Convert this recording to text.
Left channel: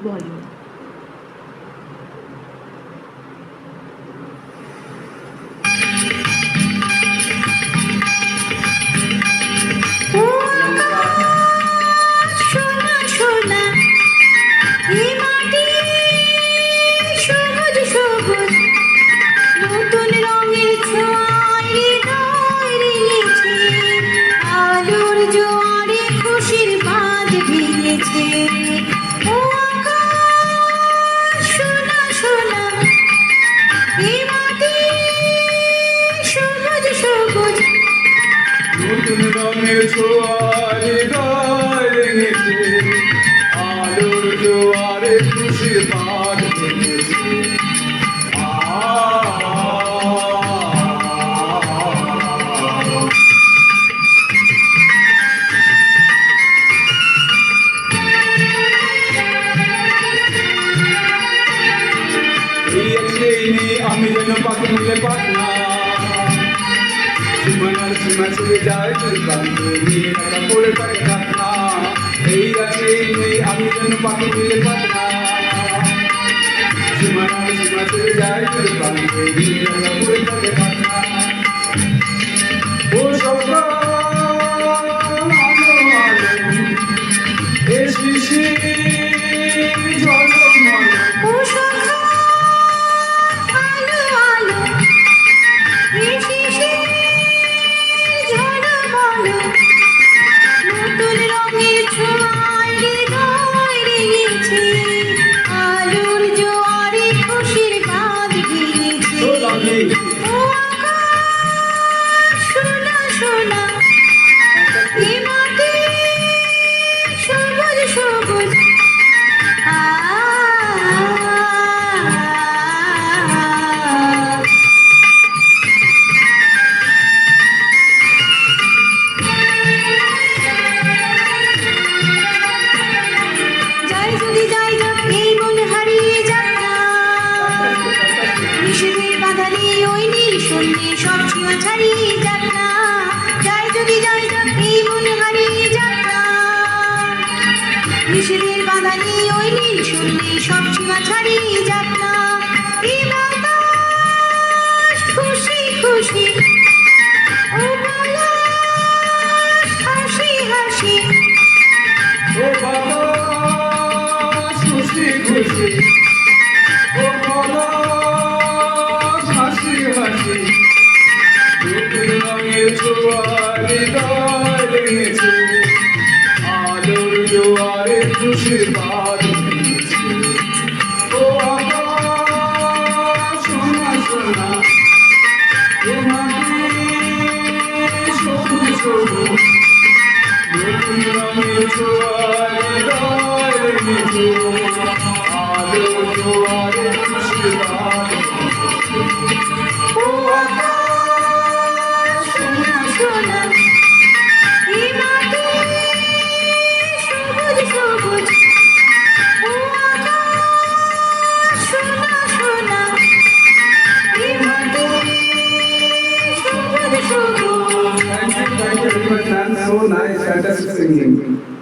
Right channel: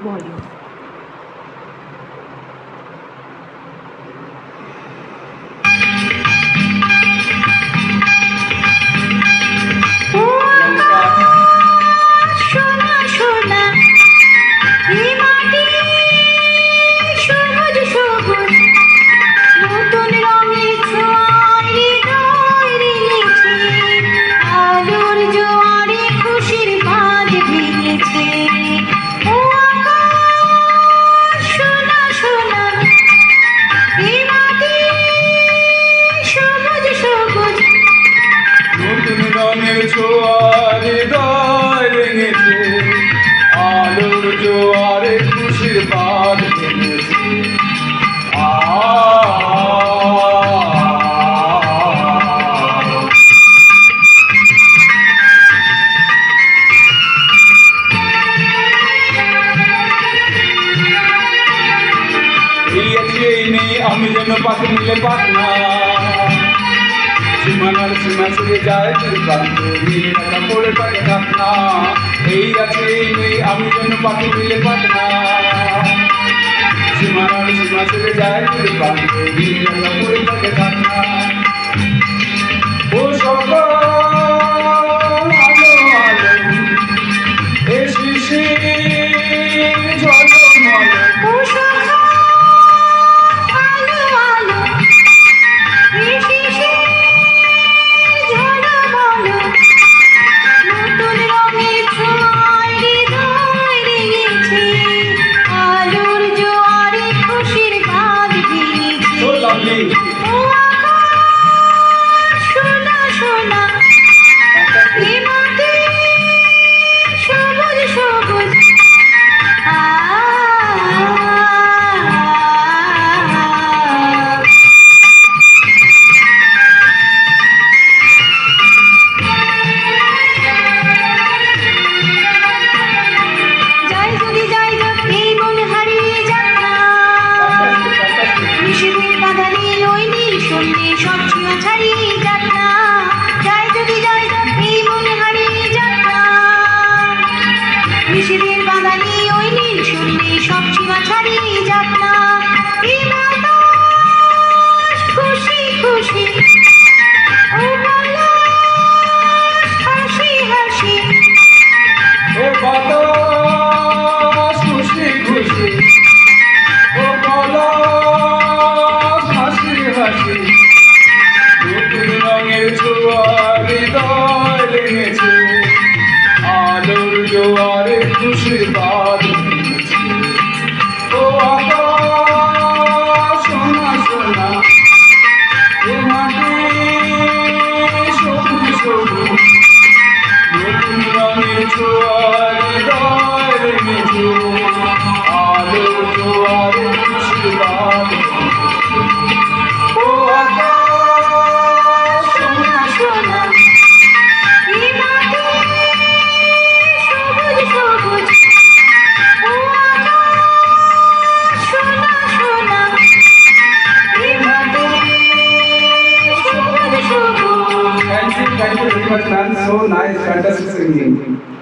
বলো। সোনা সোনা এই মাটি সবুজ সবুজ নতুন রঙের ছোঁয়ায় হৃদয় রেঙেছে আলোর জোয়ারে খুশির বাঁধ ভেঙেছে ও আকাশ সোনা সোনা এই মাটি সবুজ সবুজ নতুন রঙের ছোঁয়ার হৃদয় রেঙেছে আলোর জোয়ারে খুশির বাঁধ ভেঙেছে এই আছে এই নেই আমি যেন পাখি মিলে পাখনা সীমানার সীমা ছেড়ে যায় দুর্গান্ত মিলে রাখা পড়ে থাকে থাকনা এই আছে এই নেই আমি যেন পাখি মিলে পাখনা সীমানার সীমা ছেড়ে যায় দুর্গান্ত মিলে রাখা পড়ে থাকে থাকনা ও সকাল আলো আলো এ শিশির ঝলমল ও সকাল আলো আলো এই শিশির ঝলমল নতুন রঙের ছোঁয়ায় হৃদয় রেঙেছে আলোর জোয়ারে খুশির বাঁধ ভেঙেছে So lovely. ও আকাশ সোনা সোনা এই মাটি সবুজ সবুজ যাই যদি যাই যাক এই মন হারিয়ে যাক না নিষেধের বাধারে ওই নীল সন্ধ্যে সব সীমা ছাড়িয়ে যাক না যাই যদি যাই যাক এই মন হারিয়ে যাক না নিষেধের বাধারে ওই নীল সন্ধ্যে সব সীমা ছাড়িয়ে যাক না এই বাতাস খুশি খুশি ও পলাশ হাসি হাসি ও বাতাস খুশি খুশি ও পলাশ হাসি হাসি নতুন রঙের ছোঁয়া হৃদয় রেঙেছে আলোর জোয়ারে খুশির বাঁধ ভেঙেছে ও আকাশ সোনা সোনা ও মাটি সবুজ সবুজ নতুন রঙের ছোঁয়ার হৃদয় রেঙেছে আলোর জোয়ারে খুশির বাঁধ ভেঙেছে ও আকাশ সোনা সোনা এই মাটি সবুজ সবুজ ও আকাশ সোনা সোনা এই মাটি সবুজ সবুজ Thank you very much, man. So nice, fantastic singing.